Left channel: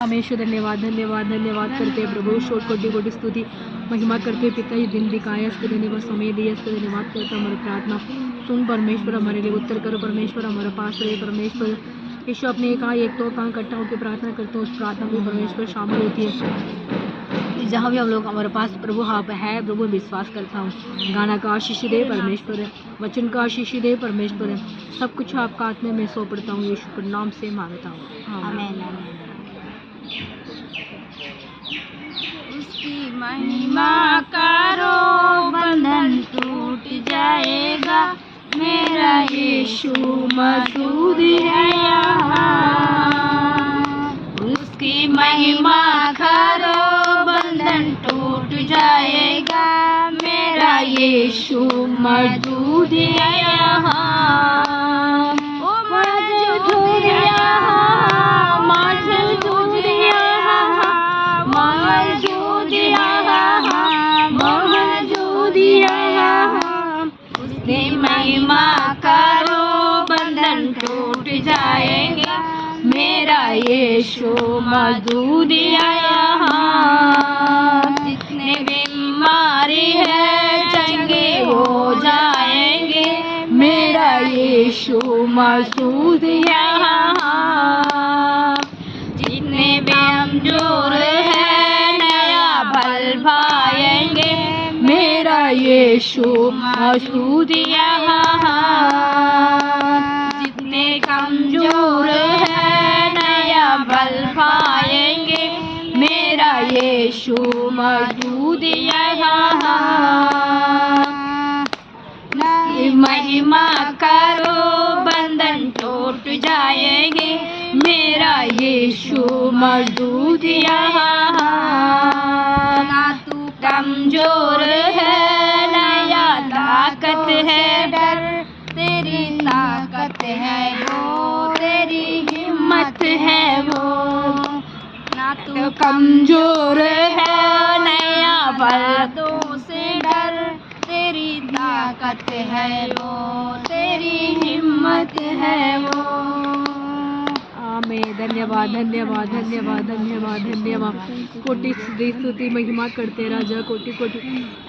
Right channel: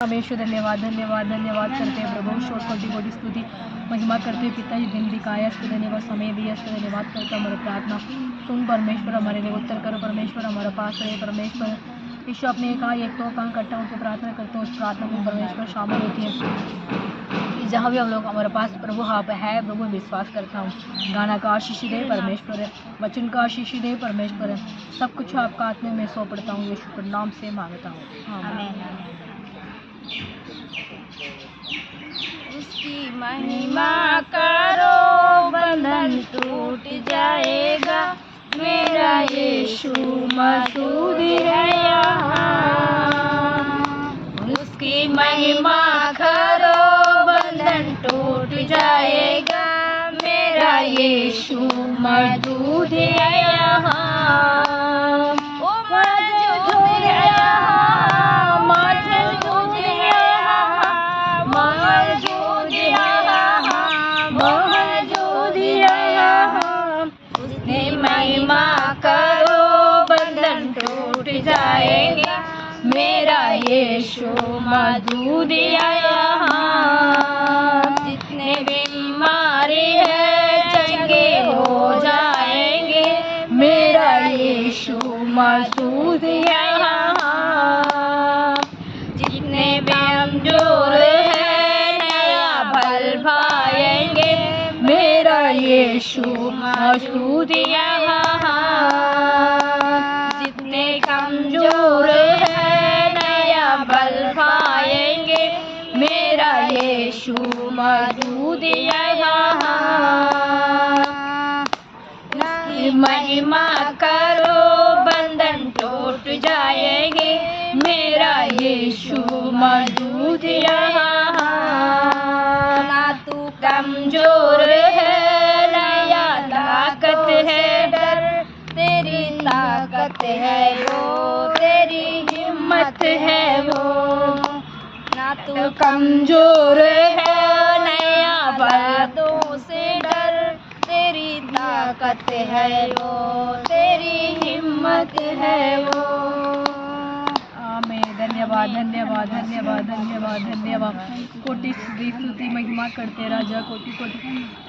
हमेशा धन्यवाद धन्यवाद धन्यवाद करते हैं प्रभु। शोर कोटि कोटि स्तुति महिमा करते हैं पिता। ये दिन दिखाया, इसके धन्यवाद, समय दिया, इसके धन्यवाद करता हमारी प्रार्थना सुन परमेश्वर, हमारे लिए उत्तर करो परमेश्वर, हमारे पास रहे परमेश्वर। यीशु अपने कहा एक तो कहाँ इकट्ठा होकर प्रार्थना करते हैं, उस प्रार्थना में परमेश्वर शामिल होती है। जहाँ भी हम लोग हमारे पास प्रभु आप है प्रभु, विश्वास करता हूँ। गाना का आशीष दे परमेश्वर, वचन का आशीष दे परमेश्वर, सब कुछ आपका आत्मा में सौंपता हूँ। यीशु के नाम से मांगता हूँ, आमीन। उसकी महिमा करो, बंधन टूट जाएगा, मेरा यीशु मौजूद है यहाँ। उसकी महिमा करो, बंधन टूट जाएगा, मेरा यीशु मौजूद है यहाँ। ओ मौजूद है यहाँ, मौजूद है यहाँ, मौजूद है यहाँ, मौजूद है यहाँ। उसकी महिमा करो, बंधन टूट जाएगा, मेरा यीशु मौजूद है यहाँ। जितने बीमारी है चंगे हो जाएंगे, मेरा यीशु मौजूद है यहाँ। जितने कमजोर है नया बल पाएंगे, मेरा यीशु मौजूद है यहाँ। जितने कमजोर है नया बल पाएंगे, मेरा यीशु मौजूद है यहाँ। उसकी महिमा करो, बंधन टूट जाएंगे, मेरा यीशु मौजूद है यहाँ। ना तू कमजोर है नया ताकत है डर, तेरी ताकत है वो, तेरी हिम्मत है वो। ना तू कमजोर है नया बातों से डर, तेरी ताकत है वो, तेरी हिम्मत है वो। आमीन। धन्यवाद धन्यवाद धन्यवाद धन्यवाद धन्यवाद। कोटि स्तुति महिमा करते राजा, कोटि कोटि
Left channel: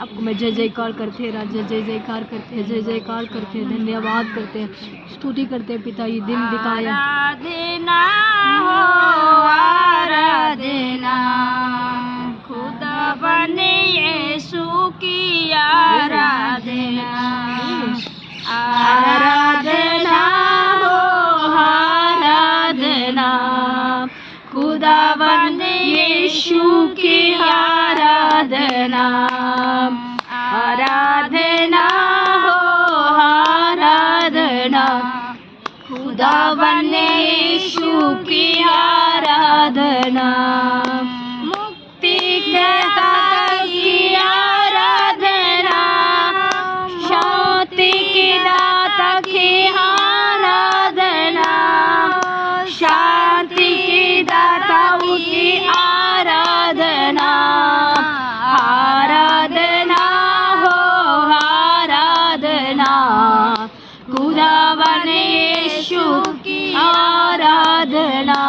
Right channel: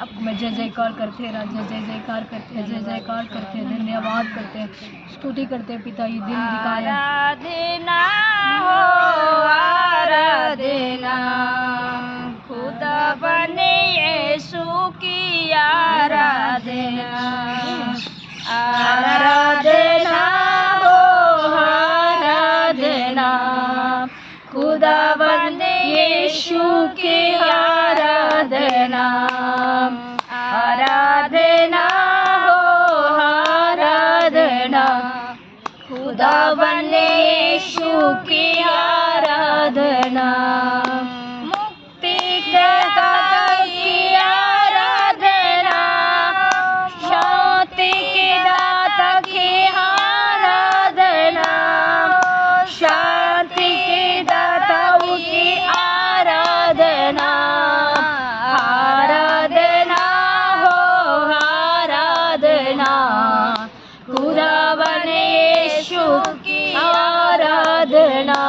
आपको मैं जय जयकार करते हैं राजा, जय जयकार करते हैं, जय जयकार करते हैं, धन्यवाद करते हैं, स्तुति करते हैं पिता। ये दिन दिखाया, आराधना हो आराधना, खुदा बने यीशु की आराधना। आराधना हो आराधना, खुदा बने यीशु की आराधना। आराधना हो आराधना, खुदा बने यीशु की आराधना। मुक्ति दाता की आराधना, शांति के दाता की आराधना, शांति के दाता की आराधना। आराधना हो आराधना, खुदा बने यीशु की आराधना।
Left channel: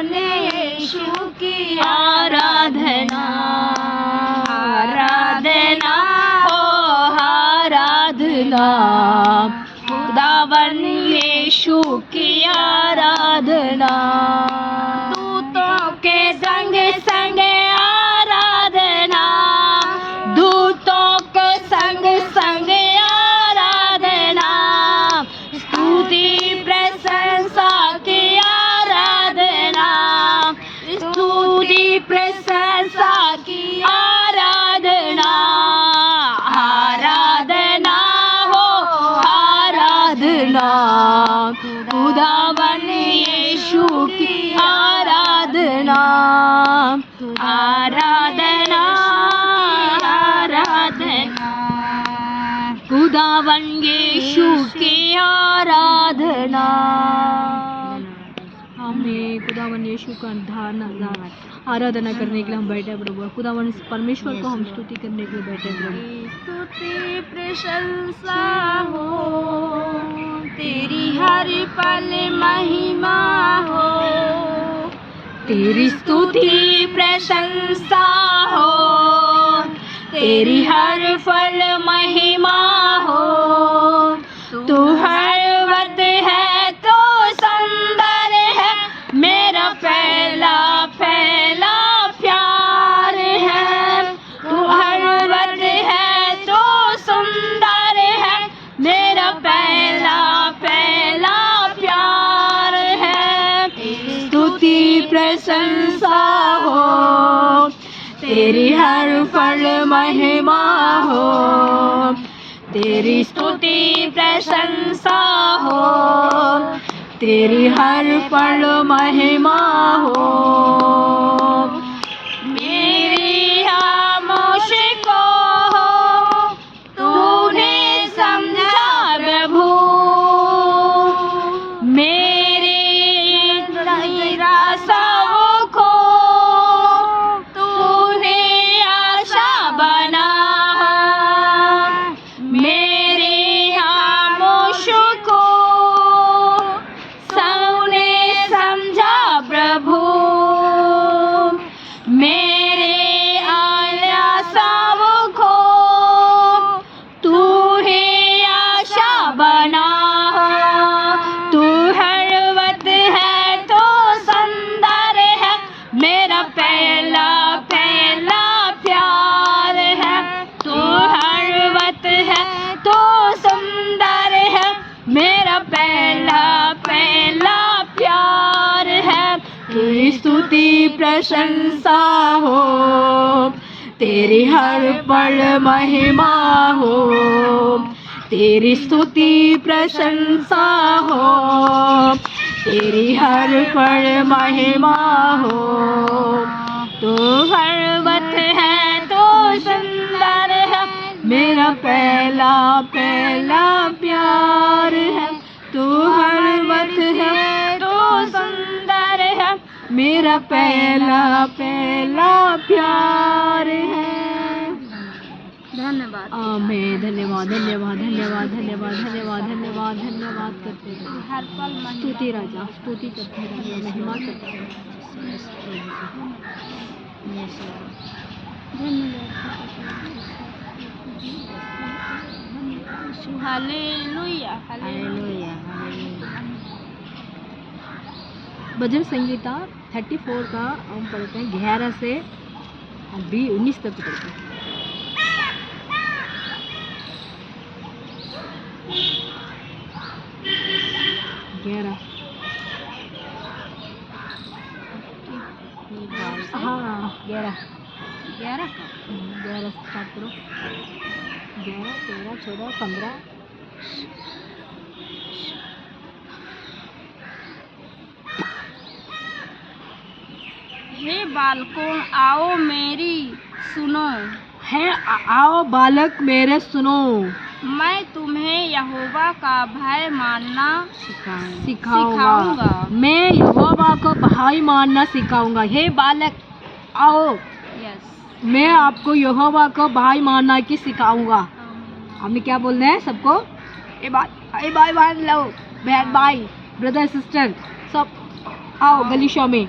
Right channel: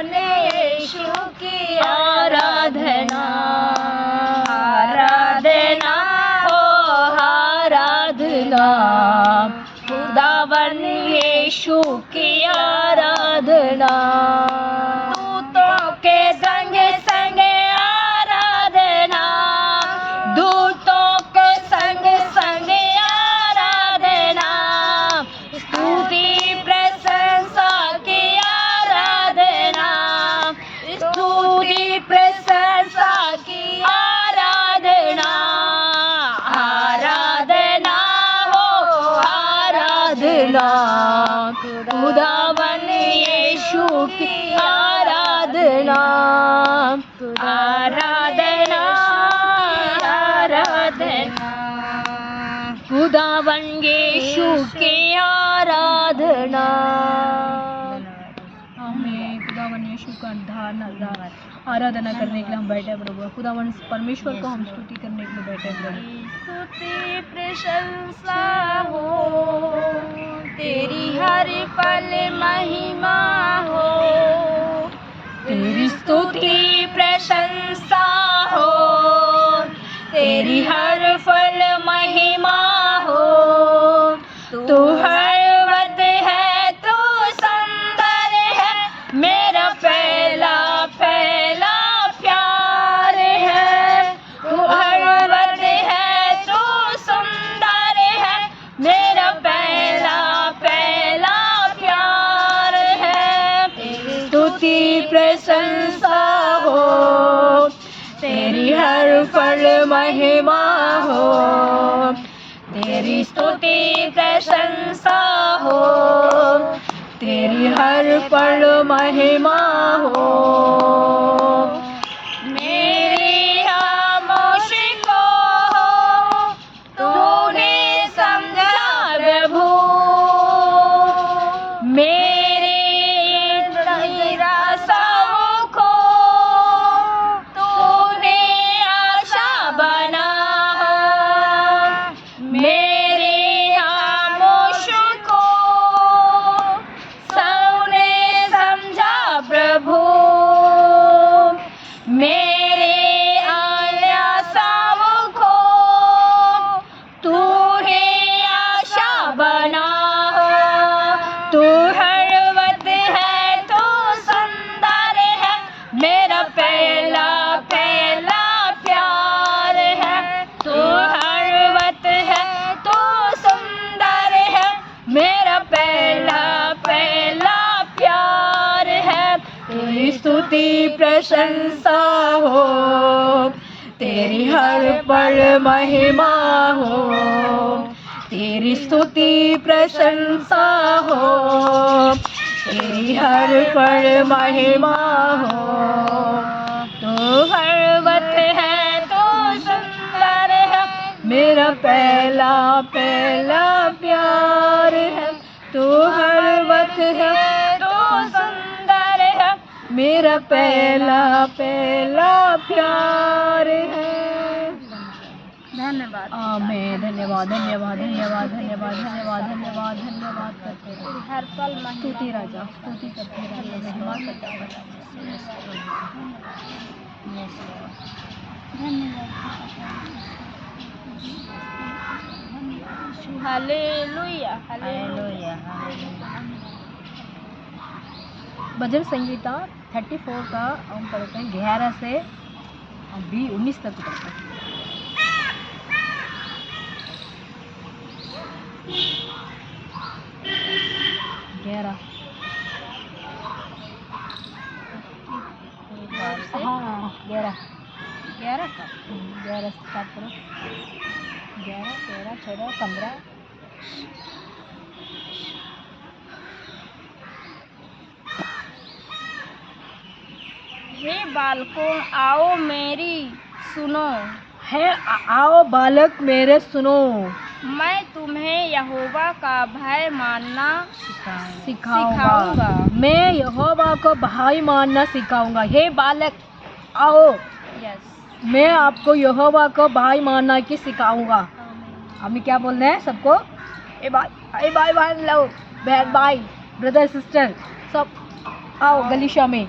खुदावन यीशु की आराधना, आराधना हो आराधना, खुदावन यीशु की आराधना। दूतों के संग संग आराधना, दूतों के संग संग आराधना, स्तुति प्रशंसा की आराधना, स्तुति प्रशंसा की आराधना, आराधना हो आराधना, खुदावन यीशु की आराधना, आराधना, आराधना, खुदावन यीशु की आराधना। हमें खुदावन यीशु का आराधना करने के लिए हम बैठे हैं प्रभु। खुदावन परमेश्वर को हम स्तुति करने के लिए बैठे हैं प्रभु। स्तुति प्रशंसा हो, तेरी हर पल महिमा हो, तेरी स्तुति प्रशंसा हो, तेरी हर फल महिमा हो। तू हर वक्त है तो सुंदर है, मेरा पहला पहला प्यार है। तू हर वक्त है तो सुंदर है, मेरा पहला पहला प्यार है। स्तुति प्रशंसा हो, तेरी हर फल महिमा हो, तेरी स्तुति प्रशंसा हो, तेरी हर पल महिमा हो। मेरी खामोश को तूने समझा प्रभु, मेरी निराशाओं को तूने आशा बना, मेरे खामोश को सबने समझा प्रभु, मेरे आशाओं को तूने आशा बना। तू हर वक्त है तो सुंदर है, मेरा पहला पहला प्यार है। तू हर वक्त है तो सुंदर है, मेरा पहला पहला प्यार है। तेरी स्तुति प्रशंसा हो, तेरी हर पल महिमा हो, तेरी स्तुति प्रशंसा हो, तेरी हर पल महिमा हो। तू हर वक्त है तो सुंदर है, मेरा पहला पहला प्यार है। तू हर वक्त है तो सुंदर है, मेरा पहला पहला प्यार है। धन्यवाद। आमीन। धन्यवाद धन्यवाद धन्यवाद धन्यवाद धन्यवाद धन्यवाद धन्यवाद करते रहो। हर पल स्तुति राजा, स्तुति करते रहो, महिमा करते रहो। Hallelujah, hallelujah. भजन संगीता 34 का हम पढ़ते हैं 11 से 19 तक पढ़ते हैं। हाँ 11 का 11 स्टार्ट करो। 11, 13, 14, 15। हे बालकों आओ मेरी सुनो, है आओ बालक मेरे सुनो, मैं तुम्हें यहोवा का भय मानना सिखाऊंगा। मैं यहोवा को भाई मानना सिखाऊंगा। हे बालक आओ, यस, मैं आपको यहोवा को भाई मानना की सिखाऊंगा। हमने क्या बोलना है सबको? ए भाई बहन लो, बहन भाई, ब्रदर सिस्टर सब आओ गलीशा में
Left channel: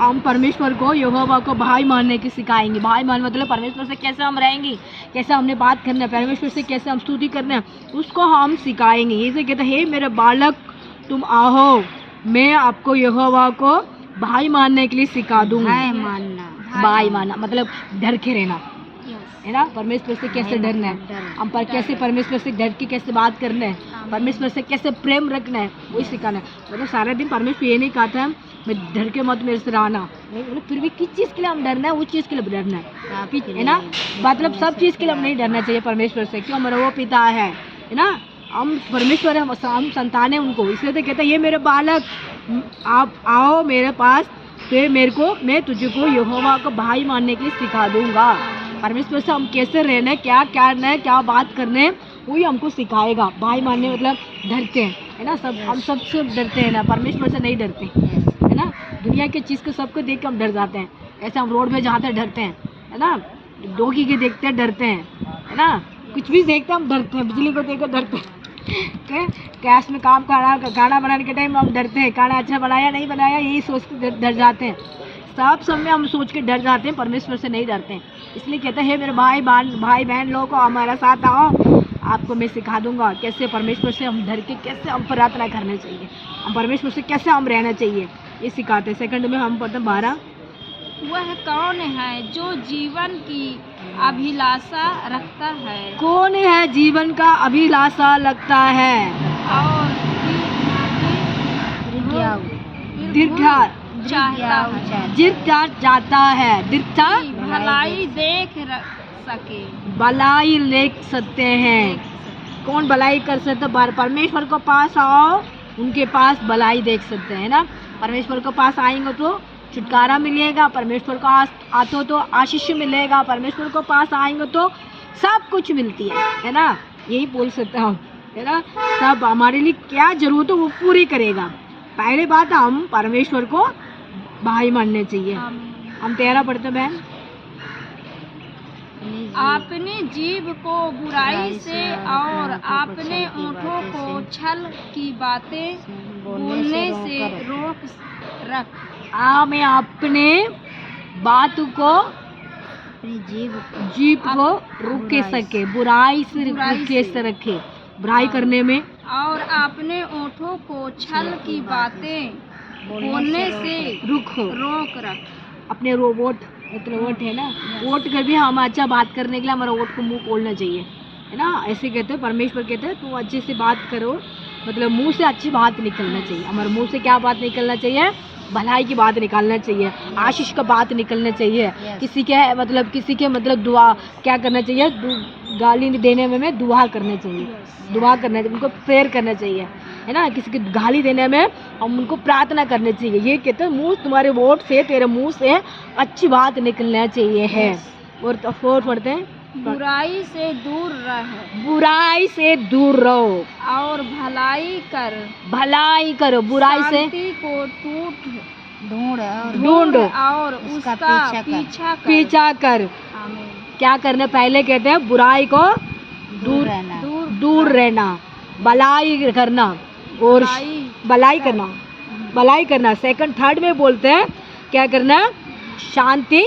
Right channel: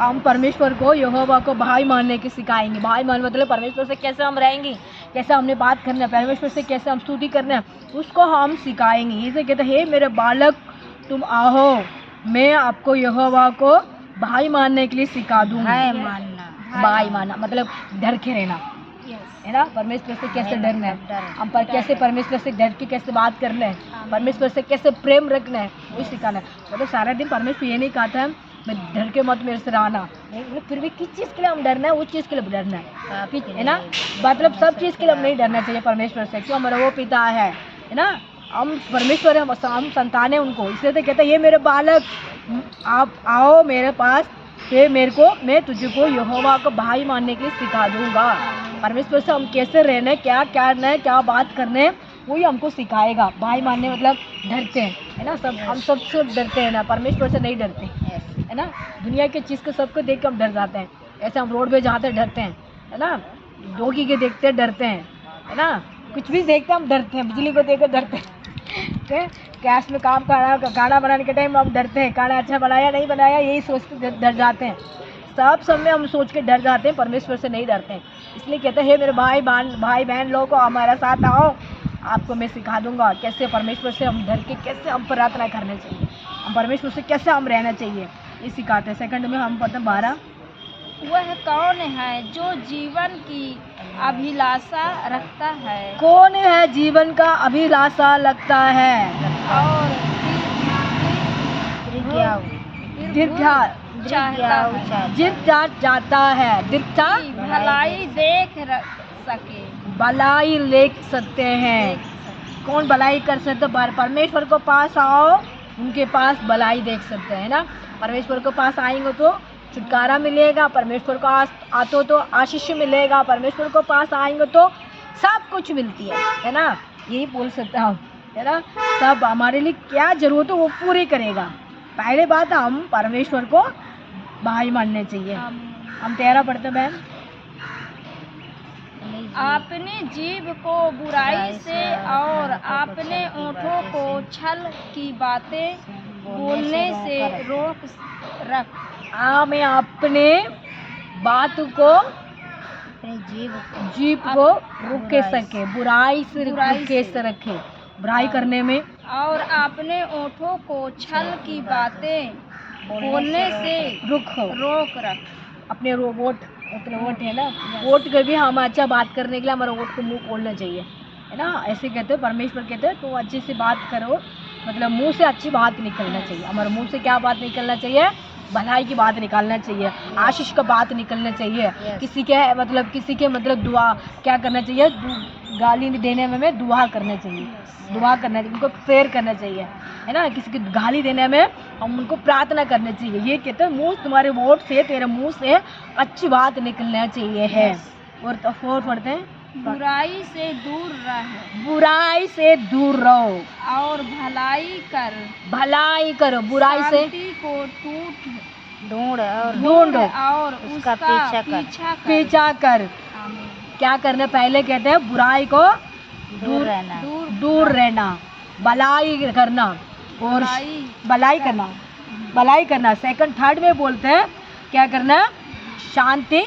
हम परमेश्वर को, यहोवा को भाई मानने की सिखाएंगे। भाई मान मतलब परमेश्वर से कैसे हम रहेंगे, कैसे हमने बात करना है, परमेश्वर से कैसे हम स्तुति करना है, उसको हम सिखाएंगे। इसे कहते हैं, हे मेरे बालक तुम आओ, मैं आपको यहोवा को भाई मानने के लिए सिखा दूंगा। भाई मानना मतलब डर के रहना है ना, परमेश्वर से कैसे डरना है, हम पर कैसे परमेश्वर से डर के कैसे बात करना है, परमेश्वर से कैसे प्रेम रखना है, वही सिखाना है। मतलब सारा दिन परमेश्वर ये नहीं कहता है मैं डर के मत मेरे से रहना, मतलब फिर भी किस चीज़ के लिए हम डरना है, उस चीज़ के लिए डरना है ना। मतलब सब चीज़ के लिए हम नहीं डरना चाहिए परमेश्वर से, क्यों, हमारा वो पिता है ना, हम परमेश्वर है, हम संतान है उनको। इसलिए तो कहता है, ये मेरे बालक आप आओ मेरे पास, फिर मैं तुझको यहोवा को भाई मानने के लिए सिखा दूंगा। परमेश्वर से हम कैसे रहना है, क्या करना है, क्या बात करने है, वही हमको सिखाएगा। भाई मानने मतलब डरते हैं, है ना, सब हम सबसे डरते हैं ना, परमेश्वर से नहीं डरते, है ना। दुनिया की चीज़ को सबको देख के हम डर जाते हैं, ऐसे हम रोड पे जाते डरते हैं, है ना, डोगी के देखते डरते हैं, है ना, कुछ भी देखते हम डरते हैं, बिजली को देख कर डरते हैं, गैस में काम करना, खाना बनाने के टाइम हम डरते हैं, खाना अच्छा बनाया नहीं बनाया यही सोच के डर जाते हैं। सब समय हम सोच के डर जाते हैं, परमेश्वर से नहीं डरते हैं। इसलिए कहते हैं, मेरे भाई बहन लोगों को हमारा साथ आओ, आपको मैं सिखा दूंगा कैसे परमेश्वर से हम डर के कैसे हम प्रार्थना करना चाहिए, हम परमेश्वर से कैसे हम रहना चाहिए, ये सिखाते हैं। सेकंड में हम पढ़ते 12, वह कौन है जो जीवन की अभिलाषा रखता है, कौन है जीवन का अभिलाषा लगता है, और दीर्घ जाता है, भलाई देख सके, भलाई देख सकते हैं। कौन भलाई कर सकते, परमेश्वर को पास आओ, उनके पास भलाई देख सकते हैं ना। परमेश्वर को पास आएंगे तो छुटकारा मिलेगा, परमेश्वर को आते तो आशीष मिलेगा, परमेश्वर को पास आएंगे तो सब कुछ मिलती है ना। यही बोल सकते हैं हम, है ना, सब हमारे लिए क्या जरूरत है वो पूरी करेगा। पहले बात हम परमेश्वर को भाई मानने चाहिए। हम 13 पढ़ते हैं बहन, अपनी जीभ को बुराई से और अपने ओंठों को छल की बातें बोलने से रोक रख। मैं अपने बात को, जीभ को रोक सके, बुराई से रखे, बुराई करने में, और अपने ओंठों को छल की बातें बोलने से रोक रख। अपने वोट मतलब वोट है ना, वोट कर भी हम अच्छा बात करने के लिए हमारा वोट को मुंह खोलना चाहिए, है ना। ऐसे कहते हैं, परमेश्वर कहते हैं तुम अच्छी सी बात करो, मतलब मुंह से अच्छी बात निकलना चाहिए। हमारे मुंह से क्या बात निकलना चाहिए, भलाई की बात निकालना चाहिए, आशीष का बात निकलना चाहिए। किसी के मतलब दुआ क्या करना चाहिए, गाली देने में दुआ करना चाहिए, दुआ करना चाहिए, उनको प्रेयर करना चाहिए, है ना। किसी की गाली देने में हम उनको प्रार्थना करनी चाहिए। ये कहते हैं मुंह, तुम्हारे वोट से, तेरे मुंह से अच्छी बात निकलना चाहिए है। और तो 4 पढ़ते हैं, बुराई से दूर रह, बुराई से दूर रहो, और भलाई करो, बुराई से शांति को ढूंढ और उसका पीछा कर। क्या करना, पहले कहते हैं बुराई को दूर रहना, भलाई करना और भलाई करना। सेकंड थर्ड में बोलते हैं क्या करना, शांति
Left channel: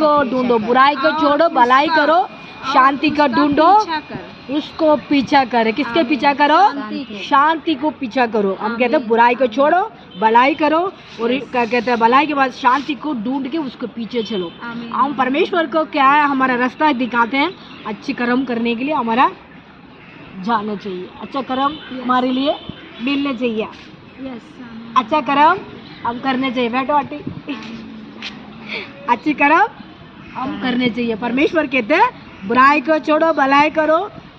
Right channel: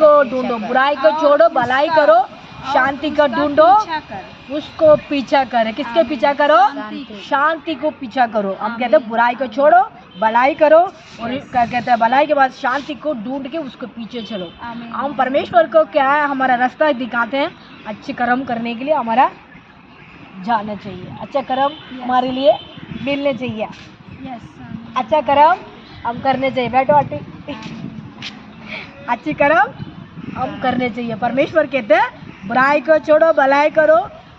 को ढूंढो, बुराई को छोड़ो, भलाई करो, शांति का ढूंढो, उसको पीछा करे। किसके पीछा करो, शांति को पीछा करो। हम कहते हैं बुराई को छोड़ो, भलाई करो, और क्या कहते हैं भलाई के बाद शांति को ढूंढ के उसको पीछे चलो। हम परमेश्वर को क्या है, हमारा रास्ता दिखाते हैं, अच्छे कर्म करने के लिए हमारा जाना चाहिए, अच्छा कर्म हमारे लिए मिलने चाहिए, अच्छा कर्म हम करने चाहिए। बैठो आंटी, अच्छी कर्म हम करने चाहिए। परमेश्वर कहते हैं बुराई को छोड़ो, भलाई करो,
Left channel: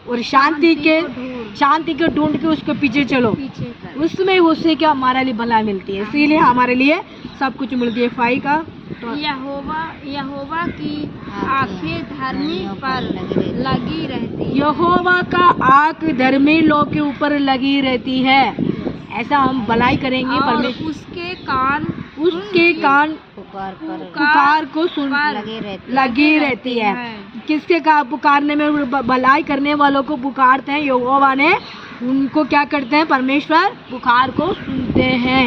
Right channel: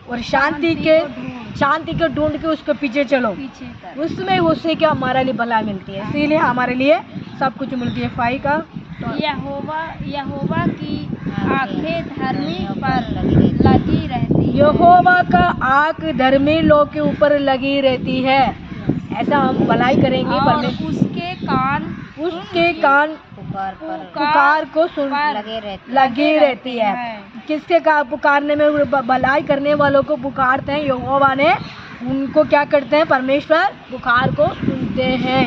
और शांति को ढूंढ के उसके पीछे चलो, उसमें उससे क्या हमारे लिए भलाई मिलती है, इसीलिए हमारे लिए सब कुछ मिलती है। 5 का, यहोवा की आंखें धर्मी पर लगी रहती है, यहोवा का आंख धर्मी लोग के ऊपर लगी रहती है। ऐसा हम भलाई करेंगे, और उसके कान पुकार को सुन लगी रहती है। किसके का पुकारने में, भलाई करने वालों को पुकारते हैं, यहोवा ने उनको क्या करते हैं, परमेश्वर पुकार को सुनते हैं।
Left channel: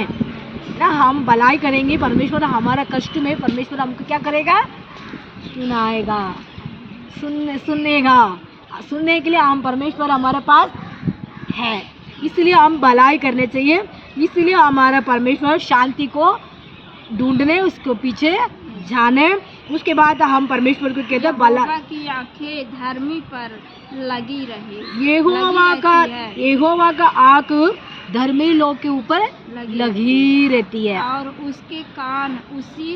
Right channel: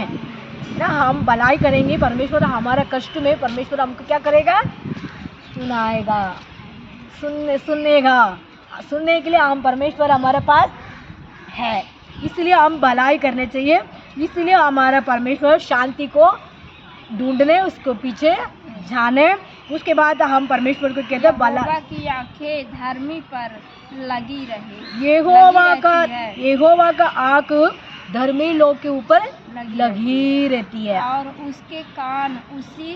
ना हम भलाई करेंगे, परमेश्वर हमारा कष्ट में परमेश्वर हमको क्या करेगा, सुनाएगा, सुनने के लिए हम परमेश्वर हमारे पास है, इसलिए हम भलाई करने चाहिए। इसलिए हमारा परमेश्वर शांति को ढूंढने, उसको पीछे जाने, उसके बाद हम परमेश्वर को कहते हैं यहोवा की आंखें धर्मी पर लगी रहे। यहोवा का आंख धर्मी लोग के ऊपर लगी रहती है और उसके कान उसकी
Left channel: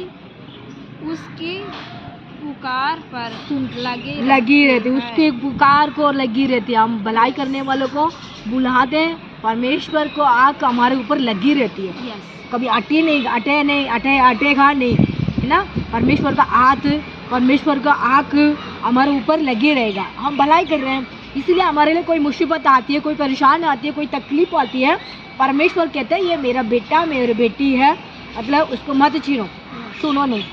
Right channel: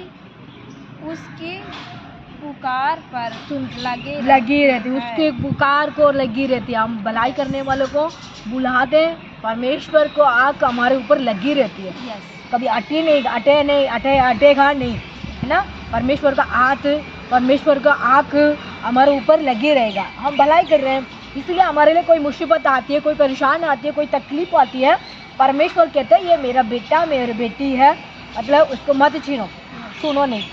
पुकार पर लगी रहती है, उसके पुकार को लगी रहती है। हम भलाई करने वालों को बुलाते हैं, परमेश्वर को आंख हमारे ऊपर लगी रहती है, कभी अटेगा नहीं, है ना। परमेश्वर का हाथ, परमेश्वर का आंख हमारे ऊपर लगे रहेगा। हम भलाई कर रहे हैं, इसलिए हमारे लिए कोई मुसीबत आती है, कोई परेशान आती है, कोई तकलीफ आती है, परमेश्वर कहते हैं ये मेरा बेटा मेरी बेटी है, मतलब उसको मत छीनो, सुनो नहीं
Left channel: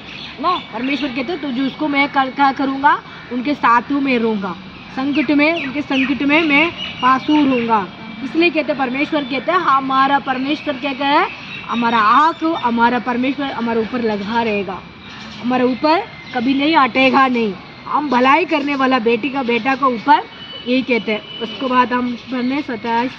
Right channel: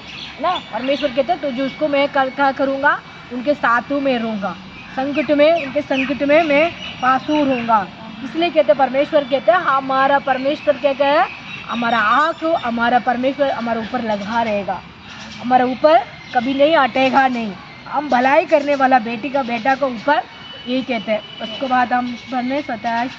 ना। परमेश्वर कहते हैं तो जो उसको मैं क्या करूँगा, उनके साथ में रहूँगा, उनके संकट में मैं पासू रहूँगा। इसलिए कहते हैं परमेश्वर कहते हैं हमारा परमेश्वर कहते हैं हमारा आँख, हमारा परमेश्वर हमारे ऊपर लगा रहेगा, हमारे ऊपर कभी नहीं हटेगा नहीं। हम भलाई करने वाला बेटा का ऊपर यही कहते हैं। उसके बाद हम पढ़ने 17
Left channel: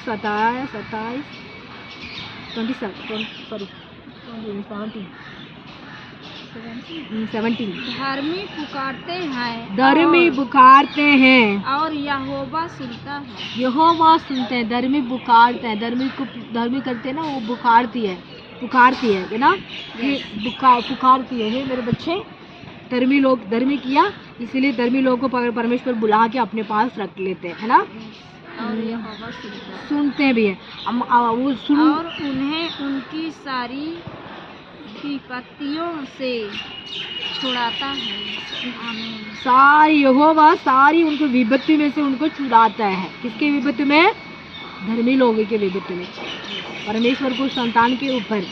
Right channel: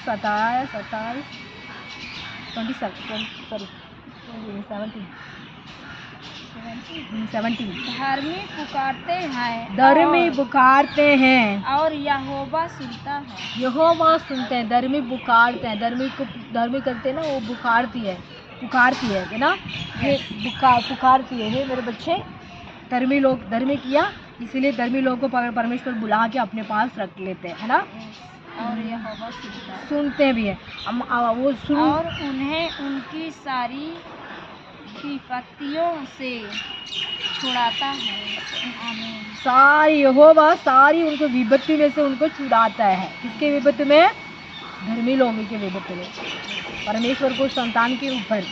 धर्मी पुकारते हैं और यहोवा सुनता है। यहोवा सुनते हैं, धर्मी पुकारते हैं, धर्मी करते हैं ना, वो पुकारती है ना, ये पुकारती है मेरे बच्चे। धर्मी लोग धर्मी किया, इसलिए धर्मी लोगों को परमेश्वर बुला के अपने पास रख लेते हैं, है ना। और यहोवा सुनते भी है, और उन्हें उनकी सारी विपत्तियों से छुड़ाता है। आमीन। सारी उनको विपत्ति में से उनको छुड़ाता है। किसके विपत्ति में? धर्मी लोगों के विपत्ति में। परमेश्वर को संतान के ऊपर,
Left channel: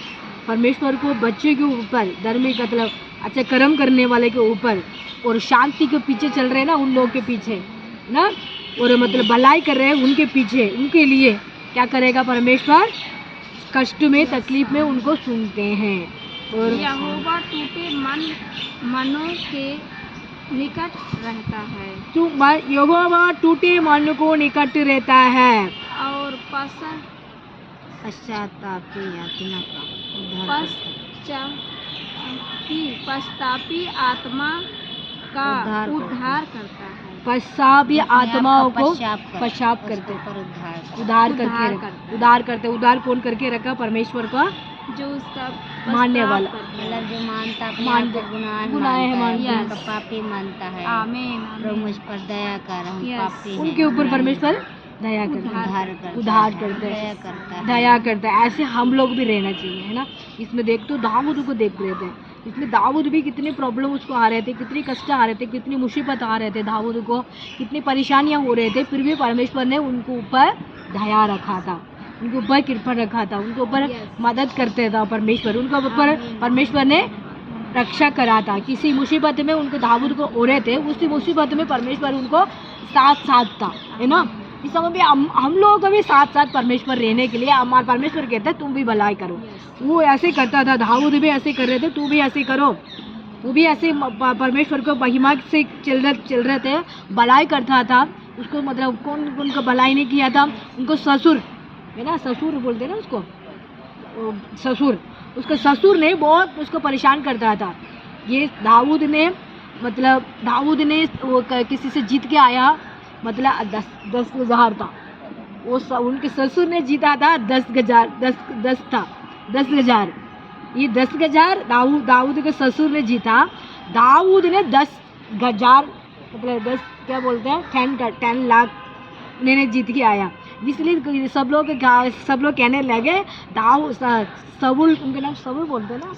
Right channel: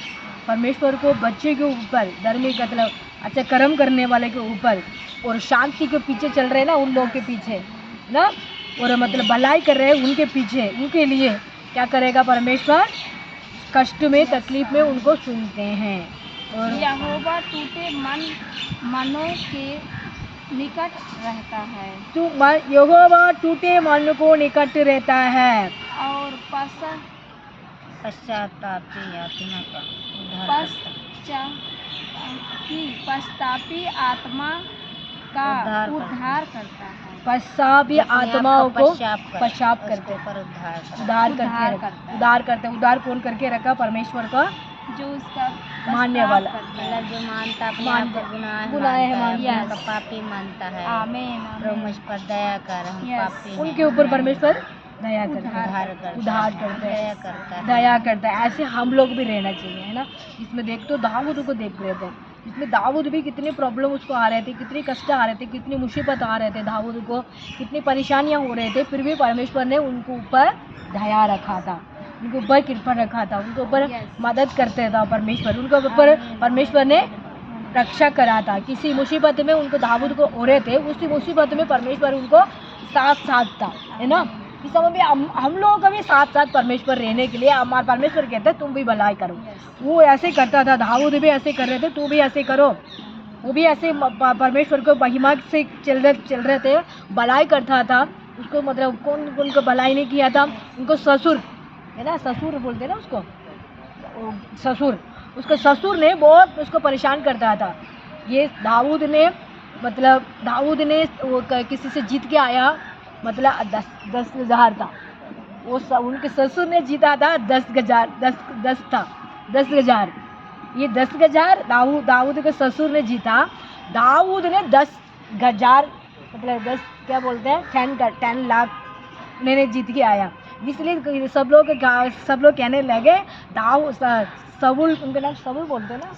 परमेश्वर को बच्चे के ऊपर, धर्मी मतलब अच्छा कर्म करने वाले के ऊपर, और शांति के पीछे चल रहे हैं ना उन लोगों के पीछे ना, और मतलब भलाई कर रहे हैं उनके पीछे, उनके लिए क्या करेगा परमेश्वर? कष्ट में, तकलीफ में उनको सुनते हैं। और यहोवा टूटे मनों के निकट रहता है। यहोवा टूटे मन को निकट रहता है और पश्चातापी आत्मा का उद्धार करता है। पश्चातापी आत्माओं को पश्चाताप करते, उद्धार करते। उद्धार कौन करके रखा? परमेश्वर का जो उसका मानने वाला, मतलब जो मानता अपने गुनाह है, उनका पापी मानता है। आमीन। प्रभु मुझ पर दया कर, हम पापी हैं। उनके ऊपर परमेश्वर दया करता है, उद्धार दया करता है। ऐसे हम लोग भी रहना चाहिए, है ना। इसमें देख तो दाऊद को देख रहे थे, इसमें दाऊद भी कितने प्रॉब्लम उसको आ रहे थे, कितने कष्ट आ रहे थे, कितनी मुसीबत आ रहे थे, दाऊद को कितनी परेशानियां हो रहे थे, फिर भी परमेश्वर ने उनके ऊपर दया रखा था, उनके ऊपर कृपा रखा था, उनके ऊपर मदद करते था परमेश्वर, उनके ऊपर परमेश्वर ने रक्षा करा था। किसी मुसीबत में उनको दाऊद को हो रहे थे, उसी मुसीबत में परमेश्वर उनको साथ था, है ना। इस समय भी हम लोगों को भी साथ परमेश्वर रहने के लिए हमारे परमेश्वर कहते हैं तुम भी भलाई करो। वो ऐसे करता था, दाऊद भी ऐसे कर रहे थे, तू भी ऐसे करो। वो भी ऐसे परमेश्वर को महिमा से चल रहे थे, भलाई करता था। उसको मतलब कौन उनको भलाई नहीं किया था? उनको ससुर, है ना, ससुर बोलते ना उसको, ससुर, उसका ससुर ने बहुत उसको परेशान करता था। ये दाऊद ने किसी से जीत के आया, मतलब 10,000 था, वो उनके ससुर ने जीता था 10,000। ये 10,000 दाऊद के ससुर ने जीता। दाऊद ने 10,000 मतलब 10 क्या बोलते हैं 10 लाख मैंने जीत के आया। इसलिए सब लोग कहने लगे साउल, उनका नाम साउल बोलते हैं ना,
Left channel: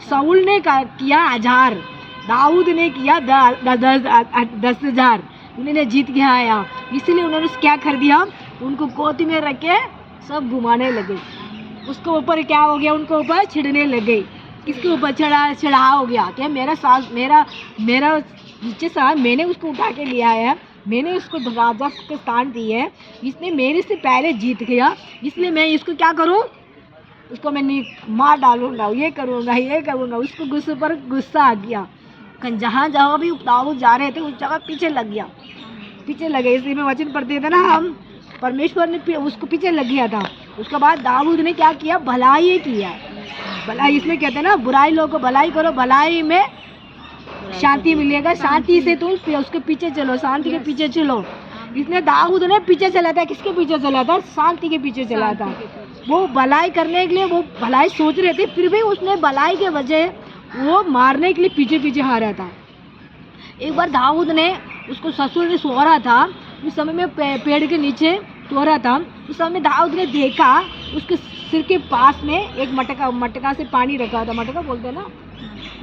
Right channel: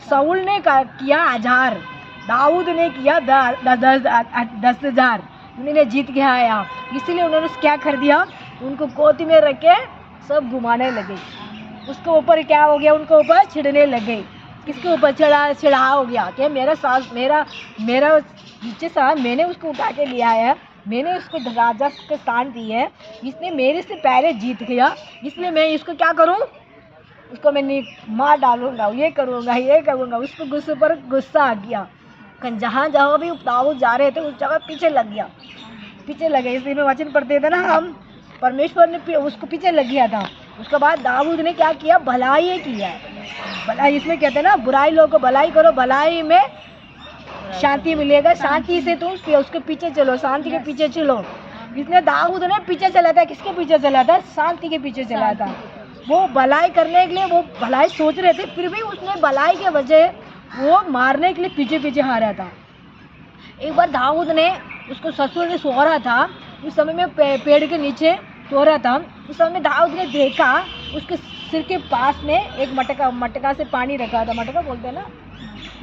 साउल ने किया 1000, दाऊद ने किया 10,000, उन्होंने जीत के आया। इसलिए उन्होंने क्या कर दिया, उनको गोदी में रख के सब घुमाने लगे। उसके ऊपर क्या हो गया, उनको ऊपर छिड़ने लगे। किसके ऊपर चढ़ा हो गया कि मेरा नीचे सा मैंने उसको उठा के लिया है, मैंने उसको राजा के स्थान दी है, इसने मेरे से पहले जीत गया, इसलिए मैं इसको क्या करूं, उसको मैं मार डालूंगा, ये करूंगा। उसको गुस्से पर गुस्सा आ गया। जहाँ जहाँ भी दाऊद जा रहे थे उस जगह पीछे लगे। इसी में वचन पढ़ते थे ना हम, परमेश्वर ने उसको पीछे लग गया था। उसके बाद दाऊद ने क्या किया, भलाई किया। भलाई, इसमें कहते हैं ना, बुराई लोगों को भलाई करो, भलाई में शांति मिलेगा। शांति से तुम उसके पीछे चलो, शांति के पीछे चलो। इसने दाऊद ने पीछे चला था, किसके पीछे चला था? शांति के पीछे चला था। वो भलाई करने के लिए वो भलाई सोच रहे थे, फिर भी उसने भलाई के वजह वो मारने के लिए पीछे पीछे हारा था। एक बार दाऊद ने, उसको ससुर ने सो रहा था, उस समय में पेड़ के नीचे सो रहा था। उस समय में दाऊद ने देखा उसके सिर के पास में एक मटका से पानी रखा था। मटका बोलते हैं ना,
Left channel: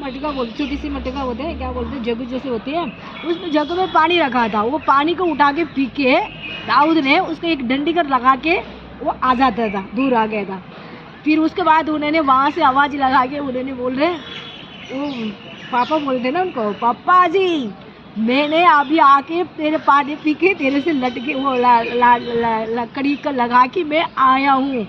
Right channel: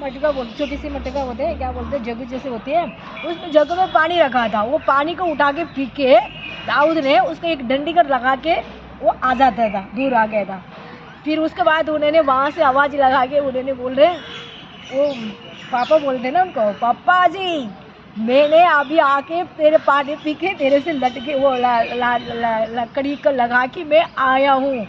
मटका बोलते, छोटी सी मटका होते हैं, क्या बोलते हैं, जग जैसे होती है। उसमें जग में पानी रखा था। वो पानी को उठा के पी के दाऊद ने उसको एक डंडी कर लगा के वो आ जाता था, दूर आ गया था। फिर उसके बाद उन्होंने वहाँ से आवाज़ लगा के उन्होंने बोल रहे, वो पापा बोलते हैं ना उनको, पापा जी मैंने अभी आके तेरे पानी पी के तेरे से लटके वो लकड़ी का लगा के मैं आया हूँ,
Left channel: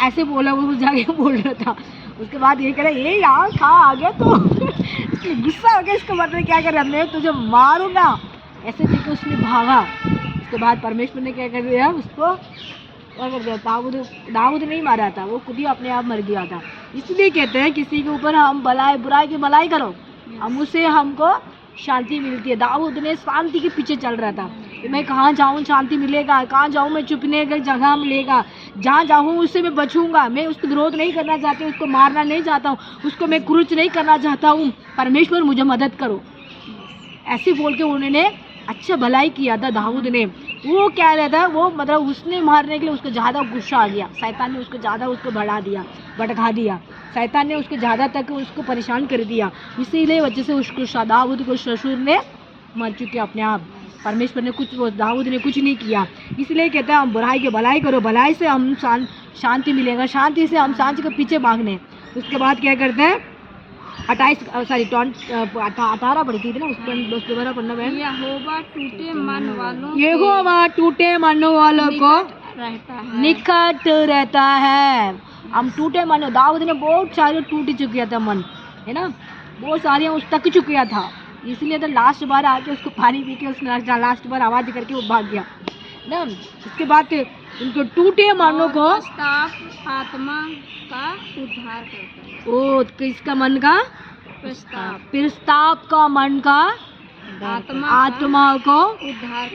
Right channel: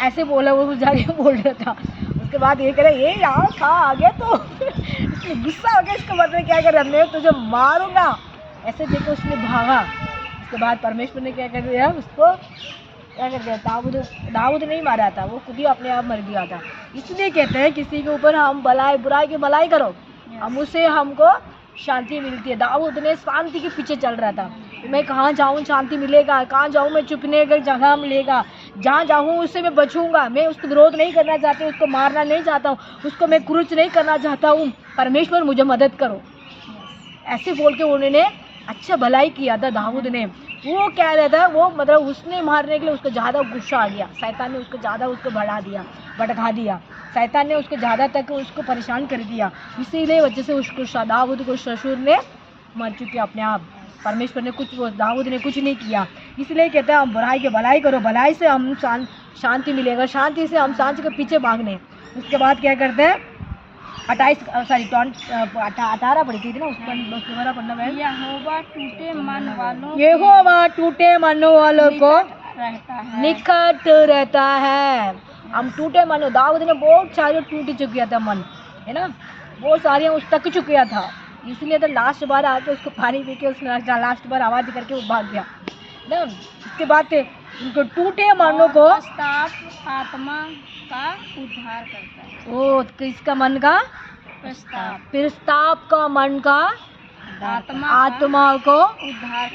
ऐसे बोला। वो जाके बोल रहा था। उसके बाद ये कह रहा, ये यहाँ कहाँ आ गया तो इसलिए गुस्सा हो गया। इसका मतलब क्या कर रहा, मैं तुझे मारूंगा, ऐसे देखे उसने भागा। उसके बाद परमेश्वर ने क्या कर दिया, उसको क्या कर दिया, दाऊद नहीं मारा था, वो खुद ही अपने आप मर गया था। इसलिए कहते हैं किसी के ऊपर हम बुराई की भलाई करो, हम उससे हमको शांति मिलती है। दाऊद ने शांति के पीछे चल रहा था। मैं कहाँ जाऊँ शांति मिलेगा, कहाँ जाऊँ मैं छुपने का जगह मिलेगा, जहाँ जाऊँ उससे मैं बचूंगा। मैं उसको विरोध नहीं करना चाहती, उसको मारना नहीं चाहता हूँ, उसको मैं क्रूच नहीं करना चाहता हूँ। परमेश्वर मुझे मदद करो, ऐसे बोल के उन्होंने अच्छा भलाई किया था दाऊद ने। वो क्या रहता है, वो मतलब उसने मारने के लिए उसको ज़्यादा गुस्सा आ गया। शैतान ने उसको ज़्यादा भड़का दिया। शैतान ने उसको ज़्यादा तक उसको परेशान कर दिया। इसीलिए वजह से उसको दाऊद को ससुर ने मर चुके अपने आप। परमेश्वर ने दाऊद ने कुछ नहीं किया। इसलिए कहते हैं हम बुराई की भलाई करो, भलाई से हम शांति मिलेगा, शांति से हम शांति के पीछे भागने। उसके बाद क्या करते हैं, 18 पढ़ती थी ना, उस पर दोबारा पढ़ना बहन। यहोवा टूटे मन वालों को निकट रहता है। हम टूटे मन, दाऊद ने बहुत सारे टूट चुका था मन, है ना, बहुत सारे उस तक चुका था। इसलिए तो लास्ट बार आके उसको पानी पी के उसने लास्ट बार आवाज़ करके वो भाग गया ना। इसके बाद उनको टूटे मानों को आत्मा का उद्धार करता है। ओ किसका मन का? प्रस्ताव का मन का आत्मा को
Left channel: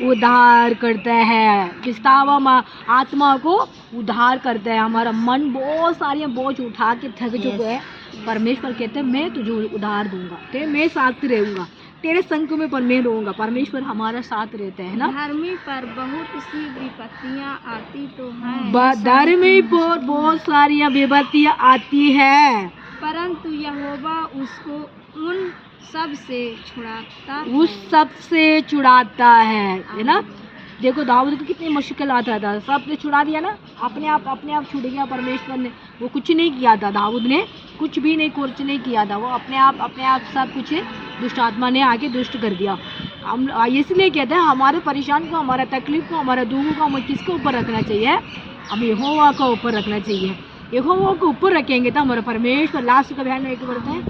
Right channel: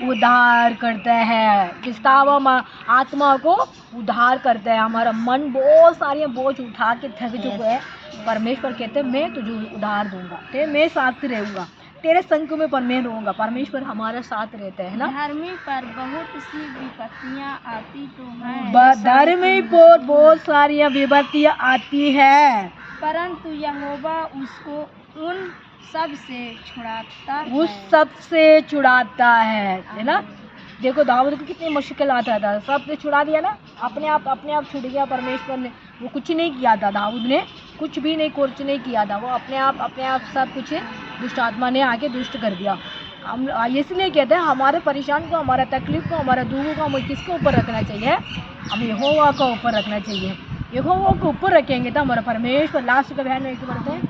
उद्धार करता है। प्रस्ताव आत्मा को उद्धार करता है। हमारा मन बहुत सारे बोझ उठा के थक चुके हैं। परमेश्वर कहते हैं मैं तुझे उद्धार दूंगा, मैं साथ रहूंगा, तेरे संग में पर मैं रहूंगा। परमेश्वर हमारा साथ रहता है ना। धर्मी पर बहुत सी विपत्तियां आती तो हैं, धर्मी पर बहुत सारी विपत्तियां आती हैं, परंतु यहोवा उसको उन सब से छुड़ाता है ना। देखो दाऊद को कितनी मुश्किल आता था, सब ने छुड़ा दिया ना, अपने आप छूट गया। परमेश्वर ने वो कुछ नहीं किया था, दाऊद ने कुछ भी नहीं किया था। वो अपने आप सब कुछ दुष्ट आत्मा ने आके दुष्ट कर दिया। हम इसलिए कहते हैं हमारे परेशान को, हमारा तकलीफ को, हमारा दुख को हमें किसके ऊपर रखना चाहिए? हमें यहोवा का ऊपर रखना चाहिए। यहोवा को ऊपर रखेंगे तो हमारा परमेश्वर, लास्ट का बहन एक बोलते हैं,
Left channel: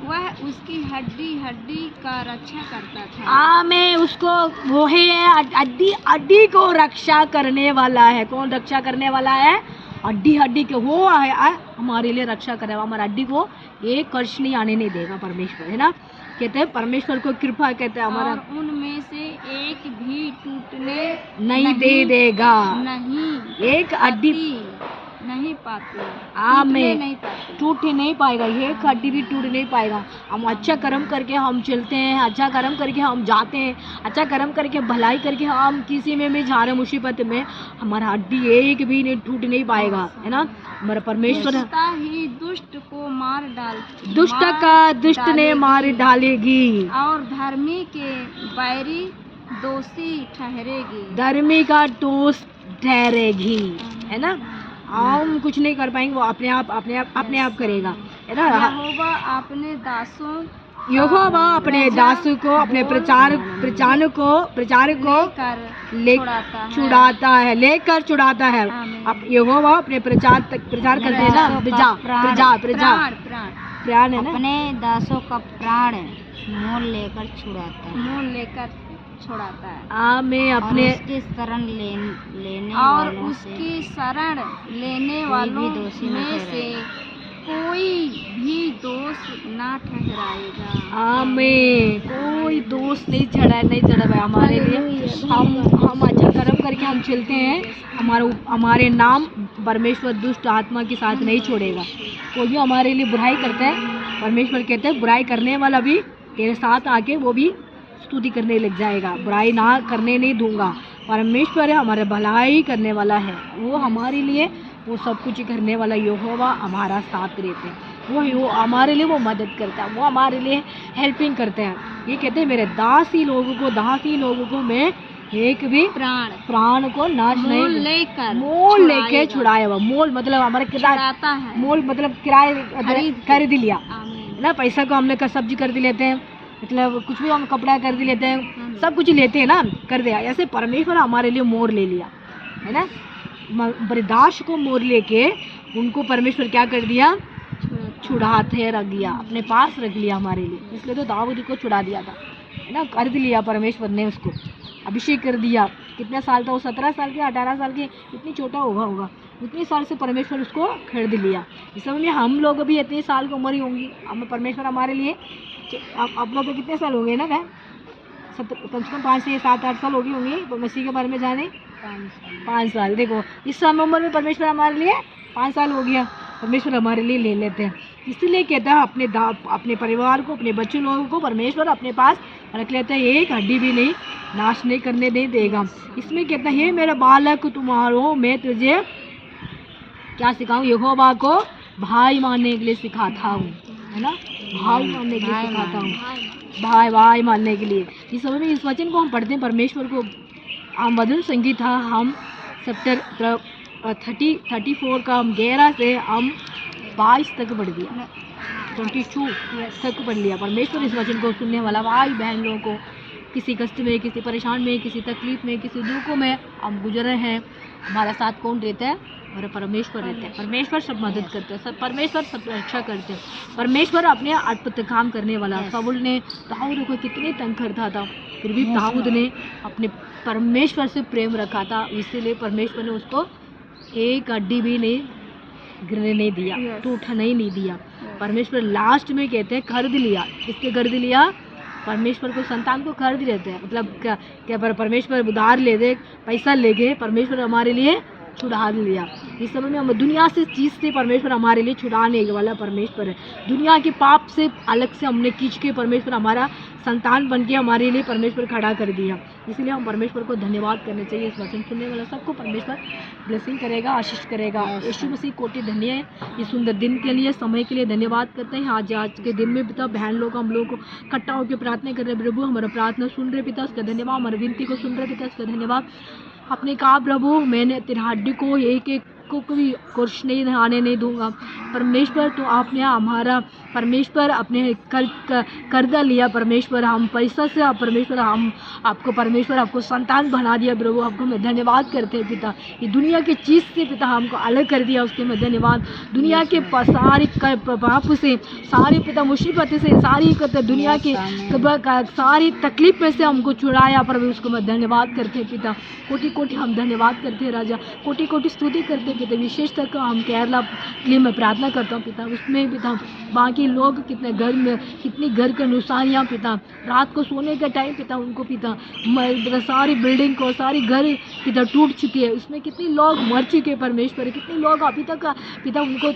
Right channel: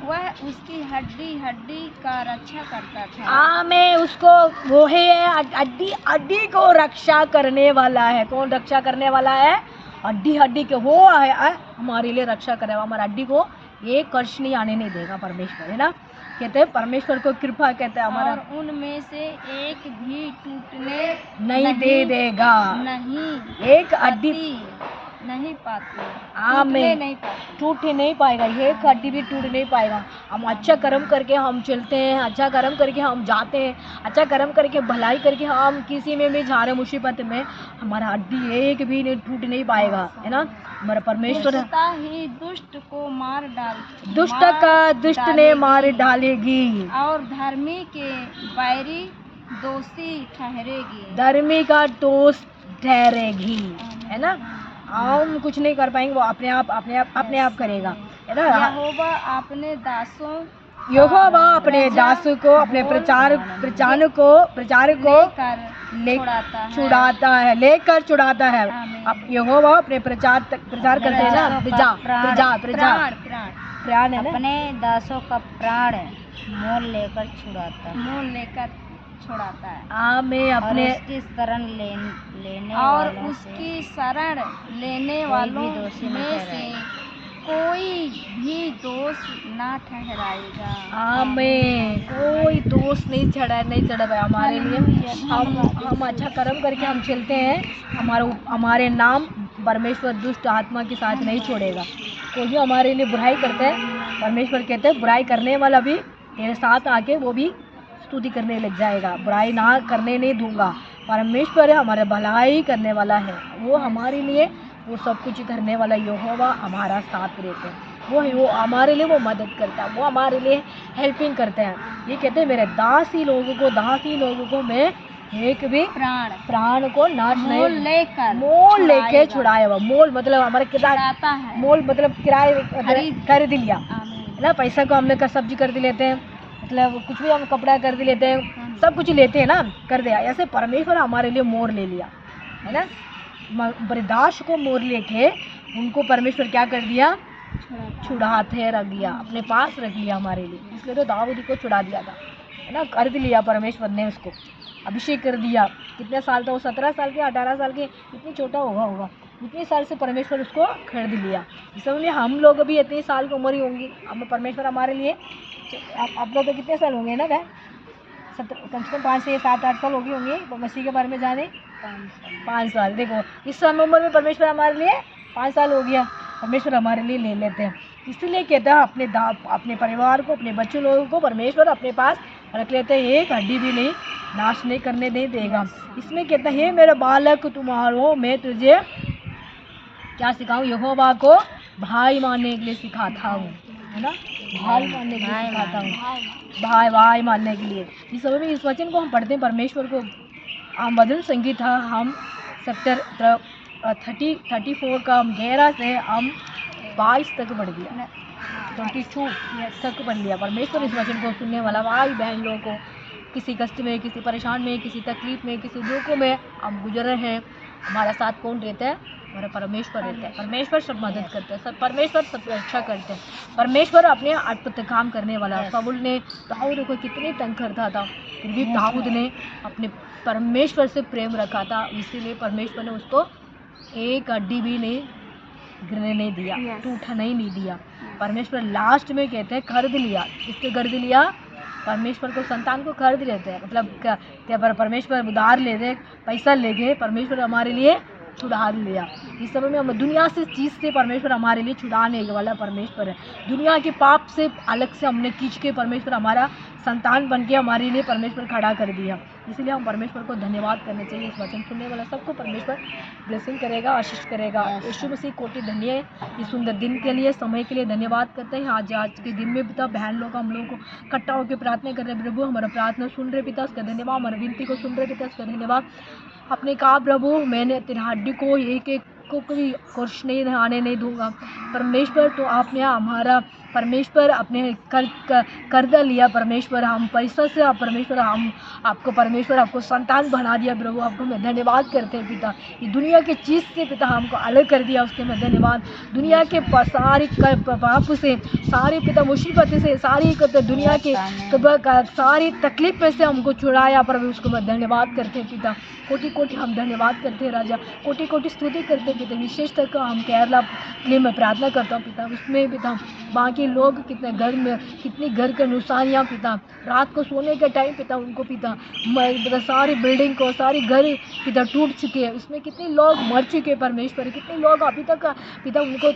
वह उसकी हड्डी का रक्षा करता था। आमें उसको वो है हड्डी को रक्षा करने वाला है। कौन रक्षा करने वाला है? हड्डी के हो है हमारे लिए रक्षा करेगा। हमारा हड्डी को एक कष्ट नहीं आने नहीं देगा परमेश्वर, है ना। कहते हैं परमेश्वर को कृपा, कहते हैं हमारा उनमें से एक भी टूटने नहीं दे देगा। नहीं, एक हड्डी नहीं पाती, नहीं टूट नहीं पाएगा। एक हड्डी भी टूट नहीं पाएगा। हम अच्छा कर्म करके हम चलते हैं, अच्छा कर्म करके हम जाते हैं, अच्छा कर्म करके भलाई करके हम किसी में भी जा रहे मुसीबत में, हमारा हड्डी एक भी नहीं टूट नहीं पाएगा, है ना। हमारा परमेश्वर ही दुष्ट को मार डाल, दुष्ट ने मार डालेगी, और धर्मी के बैरी दोषी ठहरेगी। धर्मी का दोष ठहरेगी, है ना। हम कुछ नहीं कर पाएंगे, वो अपने आप करेगा, है ना। यहोवा अपने यहोवा अपने दासों को, अपने प्रचारक को छुड़ाता है, लेकर छुड़ाता है। अब यहोवा अपने प्रचार करते हैं ना, प्राण है ना, अपने दासों का प्राण मोल लेकर छुड़ाता है। आमीन। अपने उसकी शरण लेने और वालों उसकी शरण लेने वालों में से कोई भी दोष ना ठहराएगा। आमीन। कोई दोष नहीं चढ़ा भाई हमारे लिए। हम अच्छा कर्म करके हम चलते हैं, हमारे नाम परमेश्वर दुष्ट आत्मा के साथ नहीं छोड़ेगा। कोई भी हमारे लिए बुराई करता है, परमेश्वर कहते हैं बुराई करने वाला भी तेरे साथ आके वो भी स्तुति करने लग जाएगा। बुराई ना करने नहीं दूंगा। परमेश्वर है हमारे भलाई करने वाला है, वो हमारे लिए वो सब कुछ करने वाला यहोवा हमारा साथ रहते हैं। वो हमारे लिए वो मदद करता है, वो हमारे लिए हेल्पिंग करते हैं। ये कहते हैं मेरे दासी लोगों को मैं एक भी प्राण को नाश नहीं मोल लेके छुड़ाया हुआ। मोल मतलब हमारे किराया, मोल मतलब किराए खरीद लिया है ना। पैसा को हमने सब्जी खरीद लेते हैं, मतलब कुछ भी हम कपड़ा खरीद लेते हैं, सब कुछ लेते हैं ना, कर दिया। ऐसे परमेश्वर हमारे लिए मोल ले लिया है ना। बरदाश को मोल लेके उनको परमेश्वर क्या कर दिया, छुड़ाते रख दिया, अपने पास रख लिया हमारे लिए। इसलिए तो दाऊद को छुड़ा दिया था है ना, खरीद लिया परमेश्वर ने, उसको अभिषेक कर दिया। कितने साल था वो, 17 साल के 18 साल के, इतनी छोटा होगा उतने साल से परमेश्वर उसको खरीद लिया। इस समय में हम लोग भी इतने साल की उम्र ही होंगी, हम परमेश्वर हमारे लिए अपना तो कितने साल हो गए ना भाई, कम से कम 5 से 7-8 साल हो गए होंगे मसीह के बारे में जाने। 5 साल। देखो इस समय उम्र में परमेश्वर हमारे लिए 5 साल हो गया, परमेश्वर हमारे लिए ले लेते हैं। इसलिए कहता है अपने परिवार को, अपने बच्चों लोगों को परमेश्वर अपने पास रख लेते हैं, एक हड्डी भी नहीं नाश नहीं करने नहीं देगा। इसमें कहता है मेरे बालक तुम्हारो मैं तुझे क्या सिखाऊं, यहोवा को भाई मानने के लिए सिखाता हूँ है ना, भाई मानने के लिए सिखाता हूँ, भाई मानने के लिए। इस समय में इस वचन को हम पढ़ते हैं परमेश्वर को। मधुर संगीत था, हम चैप्टर 34 का हम 11 से हम 22 तक पढ़ दिया, 22 तक पढ़ लिया। परमेश्वर इस वचन को सुनने वाला भाई बहन लोगों को किसी कष्ट में, किसी परेशान में, किसी तकलीफ में, किसी दुखों में हम गुजर रहे हैं, हमारा साथ कौन रहता है, हमारा परमेश्वर रहता है। परमेश्वर सब मदद करते हैं, सब परमेश्वर सब रक्षा करते हैं। परमेश्वर अपने अद्भुत काम करने वाला। शाऊल ने दाऊद को कितनी तंग करता था, फिर भी दाऊद ने अपने परमेश्वर से प्रेम रखा था, इसीलिए परमेश्वर ने उसको एक हड्डी भी नहीं गिरने नहीं दिया, टूटने नहीं दिया। परमेश्वर लास्ट में कहते हैं खरीद लिया। किसके खरीद लिया, परमेश्वर को, संतान को खरीद लेते हैं। मतलब क्या परमेश्वर उधार ले दे, पैसा ले गए, परमेश्वर हमारे लिए छुड़ा लिया। इस समय में हम दुनिया से चीज़ से परमेश्वर हमारे लिए छुड़ाने वाला परमेश्वर है। दुनिया के पाप से अलग से हमने खींच के परमेश्वर हमारा संतान बन के हमारे लिए परमेश्वर खड़ा कर दिया। इसलिए हम परमेश्वर को धन्यवाद करने चाहिए। इस वचन सुनने वाला सबको परमेश्वर ब्लेसिंग करेगा, आशीष करेगा। यीशु मसीह कोटि धन्य है, इस सुंदर दिन के लिए, समय के लिए धन्यवाद करते हैं। आज के दिन में पिता बहन लोग हम लोग को इकट्ठा होकर प्रार्थना कर रहे हैं। प्रभु हमारा प्रार्थना सुन रहे पिता, उसका धन्यवाद। हमारी विनती को सुन रहे पिता, उसका धन्यवाद। अपने कहा प्रभु मैंने तेरी हड्डी को एक को भी कुछ नहीं आने नहीं दूंगा। परमेश्वर तो आपने हमारा परमेश्वर अपने कर्जा लिया। परमेश्वर हम पैसा से परमेश्वर हम आपको परमेश्वर आपको संतान बना दिया। प्रभु आपको मैं धन्यवाद करते हैं पिता। ये दुनिया की चीज़ से पिता हमको अलग कर दिया, उसके मैं धन्यवाद। दुनिया के सारी पाप से, सारी पिता मुसीबत से, सारी दुनिया के सारी तकलीफ में से हमको छुड़ाया। प्रभु उसको मैं धन्यवाद करते हैं पिता। कोटि कोटि हम धन्यवाद करते हैं राजा, कोटि कोटि स्तुति करते हैं पिता। विशेषतः हम केरला के लिए मैं प्रार्थना करता हूँ पिता। उसमें पिता बाकी लोग कितने घर में कितनी घर के नुकसानियाँ पिता, रात को सोने के टाइम पिता उनको पिता सारी बिल्डिंग को सारी घर पिता टूट चुकी है, उसमें कितने लोग मर चुके हैं परमेश्वर। कितने लोग अभी तक पिता उनको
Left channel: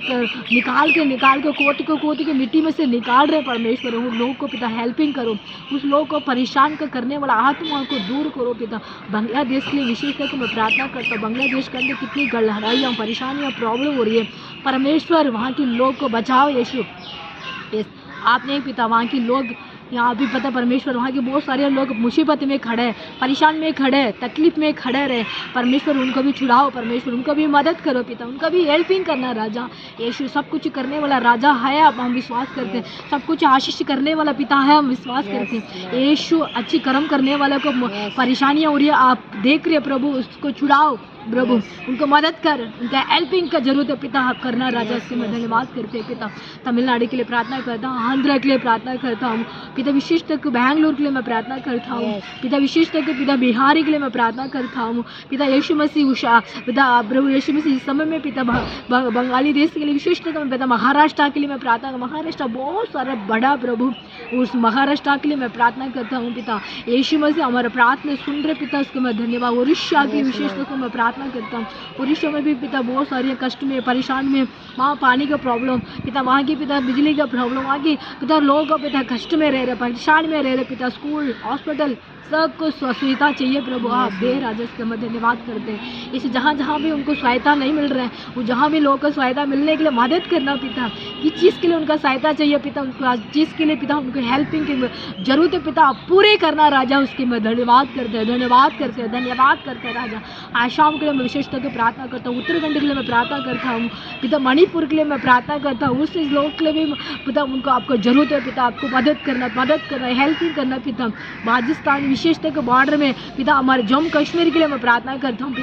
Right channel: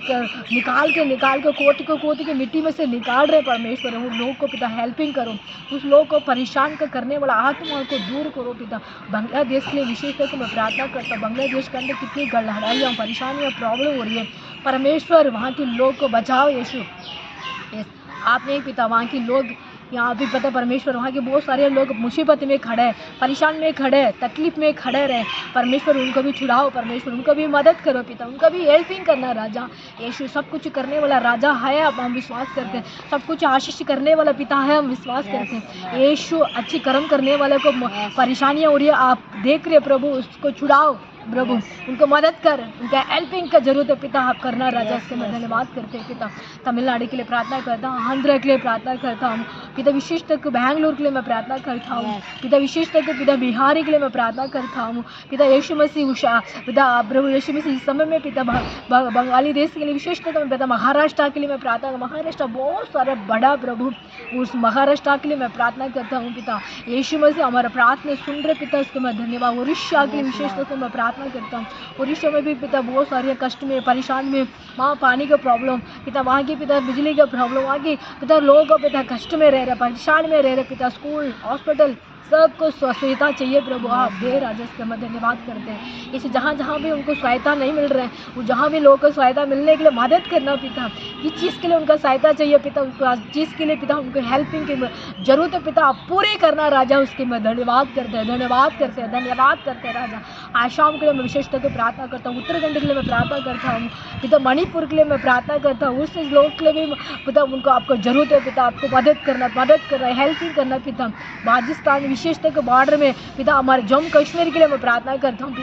निकाल के कोट के मिट्टी में से निकाल रहे परमेश्वर। उन लोगों को पिता हेल्पिंग करो, उस लोगों को परेशान करने वाला आत्मा को दूर करो पिता। बांग्लादेश के लिए विशेषतः मैं प्रार्थना करता हूँ। बांग्लादेश के अंदर कितनी लड़ाइयाँ परेशानियाँ प्रॉब्लम हो रही है परमेश्वर, वहाँ के लोग को बचाओ यीशु। आपने पिता वहाँ के लोग यहाँ भी पता परमेश्वर वहाँ के बहुत सारे लोग मुसीबत में खड़े हैं, परेशान में खड़े हैं, तकलीफ में खड़े रहे। परमेश्वर उनको भी छुड़ाओ, परमेश्वर उनको भी मदद करो पिता, उनका भी हेल्पिंग करना राजा। यीशु सब कुछ करने वाला राजा है, अब हम विश्वास करते हैं। सब कुछ आशीष करने वाला पिता है, हम विश्वास करते हैं। यीशु अच्छी कर्म करने वाले को परेशानियाँ हो रही है, आप देख रहे प्रभु, उसको छुड़ाओ प्रभु, उनको मदद कर, उनका हेल्पिंग का जरूरत है पिता, आप करना राजा। इसके मैं धन्यवाद करते हैं पिता। तमिलनाडु के लिए प्रार्थना करता हूँ, आंध्र के लिए प्रार्थना करता हूँ पिता, विशेष तक बैंगलोर के लिए मैं प्रार्थना करता हूँ पिता, विशेष तक पिता बिहारी के लिए मैं प्रार्थना करता हूँ पिता। यीशु मसीह उषा पिता, प्रभु यीशु मसीह इस समय में पिता बंगाली देश के लिए विशेष तक मैं पिता, महाराष्ट्र के लिए मैं प्रार्थना, महाराष्ट्र बहुत सारा बड़ा प्रभु, उस महाराष्ट्र के लिए मैं प्रार्थना करता हूँ पिता। यीशु मसीह हमारा प्रार्थना सुन रहे पिता, उसके मैं धन्यवाद। उड़ीसा के लिए विशेष तक मैं प्रार्थना करता हूँ। उड़ीसा में भी पिता बहुत सारे कष्ट में, परेशान में, वहाँ पानी का प्रॉब्लम पिता, वहाँ की पिता बिजली का प्रॉब्लम, वहाँ की पिता लोग पिता कष्ट में रह रहे, परेशान में रह रहे पिता, स्कूल हॉस्पिटल सबको सुविधा चाहिए प्रभु, आप दे राजा। इसका मैं धन्यवाद करते हैं। इस जहाँ जहाँ भी उनको सहायता नहीं मिल रहा है, वो जहाँ भी लोगों को सहायता मिलने के लिए मदद करना पिता, किस चीज़ के लिए उनका सहायता चाहिए पिता, उनको चीज़ के लिए पिता उनको हेल्पिंग की जरूरत है पिता, आप पूरे करना राजा। उसके मैं धन्यवाद करते हैं, धन्यवाद करते हैं, धन्यवाद करते हैं राजा। आसाम के लिए मैं विशेष तौर पर प्रार्थना करता हूँ, उत्तराखंड के लिए मैं प्रार्थना करता हूँ पिता, मणिपुर के लिए मैं प्रार्थना करता हूँ, उससे लोग के लिए भी पिता उनको आपको जरूरत है पिता, आपको मदद करना, हेल्पिंग करना पिता। राजस्थान विशेष तक बॉर्डर में पिता, हमारे जम्मू कश्मीर के लिए मैं प्रार्थना करता हूँ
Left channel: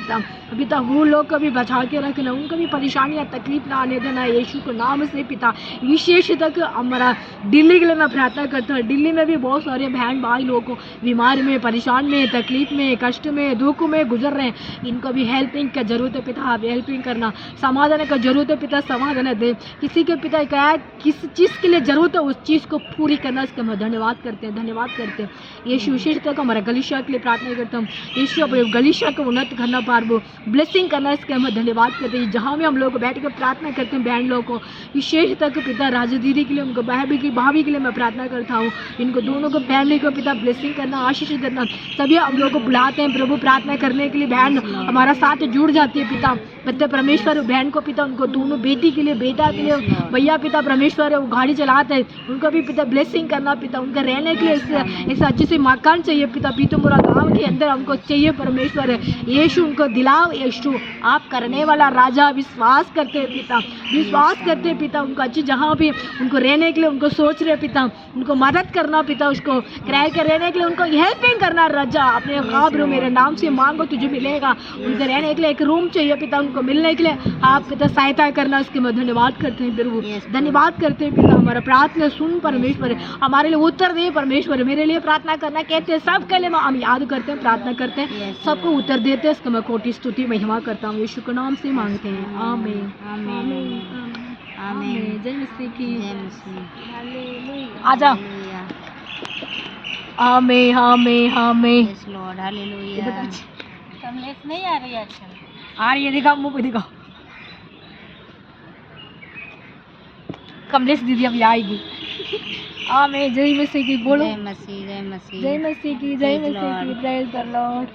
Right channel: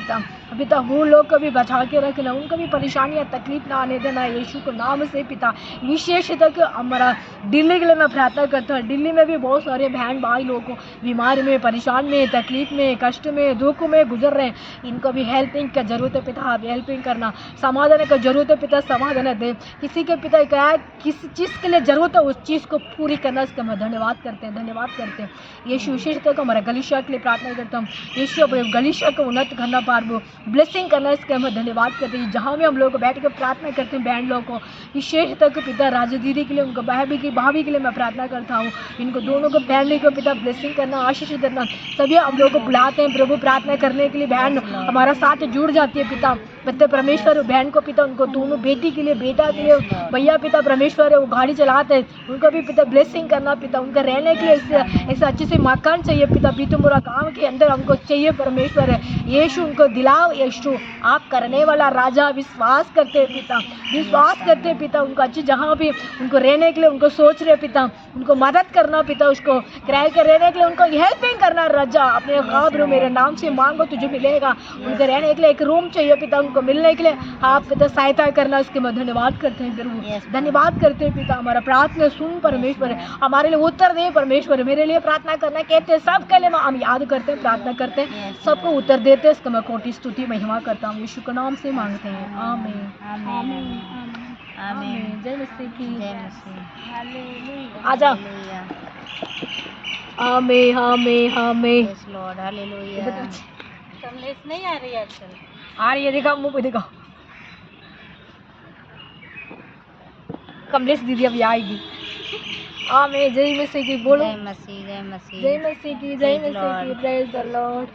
पिता, वो लोग को भी बचा के रखना, उनको भी परेशानियाँ तकलीफ ना आने देना यीशु को नाम से पिता। विशेष तक हमारा दिल्ली के लिए मैं प्रार्थना करता हूँ, दिल्ली में भी बहुत सारे बहन भाई लोगों को बीमारी में, परेशान में, तकलीफ में, कष्ट में, दुख में गुजर रहे हैं, इनको भी हेल्पिंग का जरूरत है पिता, आप हेल्पिंग करना। समाधान का जरूरत है पिता, समाधान दे। किसी के पिता क्या किस चीज़ के लिए जरूरत है, उस चीज़ को पूरी करना, इसका हम धन्यवाद करते हैं, धन्यवाद करते हैं। यीशु विशेष तक हमारा गलीशिया के लिए प्रार्थना करता हूँ, यीशु अपने गलीशिया को उन्नत करना, पार ब्लेसिंग करना, इसके हम धन्यवाद करते हैं। जहाँ भी हम लोग बैठ कर प्रार्थना करते हैं बहन लोगों को, विशेष तक पिता राजू दीदी के लिए, उनको भाभी के लिए मैं प्रार्थना करता हूँ, इनको दोनों को फैमिली को पिता ब्लेसिंग करना, आशीष देना। सभी हम लोग को बुलाते हैं प्रभु प्रार्थना करने के लिए, बहन हमारा साथ जुड़ जाती है पिता परमेश्वर। बहन को पिता, उनको दोनों बेटी के लिए, बेटा के लिए भैया पिता परमेश्वर है, वो गाड़ी चलाते हैं, उनको भी पिता ब्लेसिंग करना पिता, उनका रहने के लिए ऐसा अच्छे से मकान चाहिए पिता, पीतमपुरा गाँव के अंदर हमको चाहिए परमेश्वर है। यीशु उनको दिलाओ, यीशु आप करने वाला राजा, विश्वास करते हैं पिता, विश्वास करते हैं पिता, उनको अच्छी जहाँ भी उनको रहने के लिए उनको सोच रहे पिता, उनको मदद करना पिता, उसको किराए के रहने के लिए उनको हेल्पिंग करना राजा। अपने खाबर मेरे नाम से मांगो तुझे मिलेगा, उनको रहने के लिए एक रूम चाहिए पिता, उनको मिलने के लिए आप पिता सहायता करना, उसके मैं धन्यवाद करते हैं प्रभु, धन्यवाद करते हैं पिता। हमारा प्रार्थना सुन परमेश्वर, हमारे लिए उत्तर दे परमेश्वर, मेरे लिए प्रार्थना करना कहते हैं, सबके लिए हम याद करते हैं, प्रार्थना करते हैं, सबको उत्तर देते हैं, इसका मैं कोटि स्तुति महिमा करता हूँ, यीशु के नाम से मांगते हैं, आमीन आमीन आमीन। जय मसीह की, जय मसीह, हालेलुया, आजा, आमीन आमीन आमीन। Yes Lord, hallelujah. कमलेश नहीं आ रही आजकल, आ रही है, दिखाओ मुँह पे दिखाओ, कमलेश दीदी अभी आएगी। आमीन। जय मसीह की, बोलो जय मसीह, जय मसीह, जय मसीह की, जय मसीह की, प्रेज द लॉर्ड।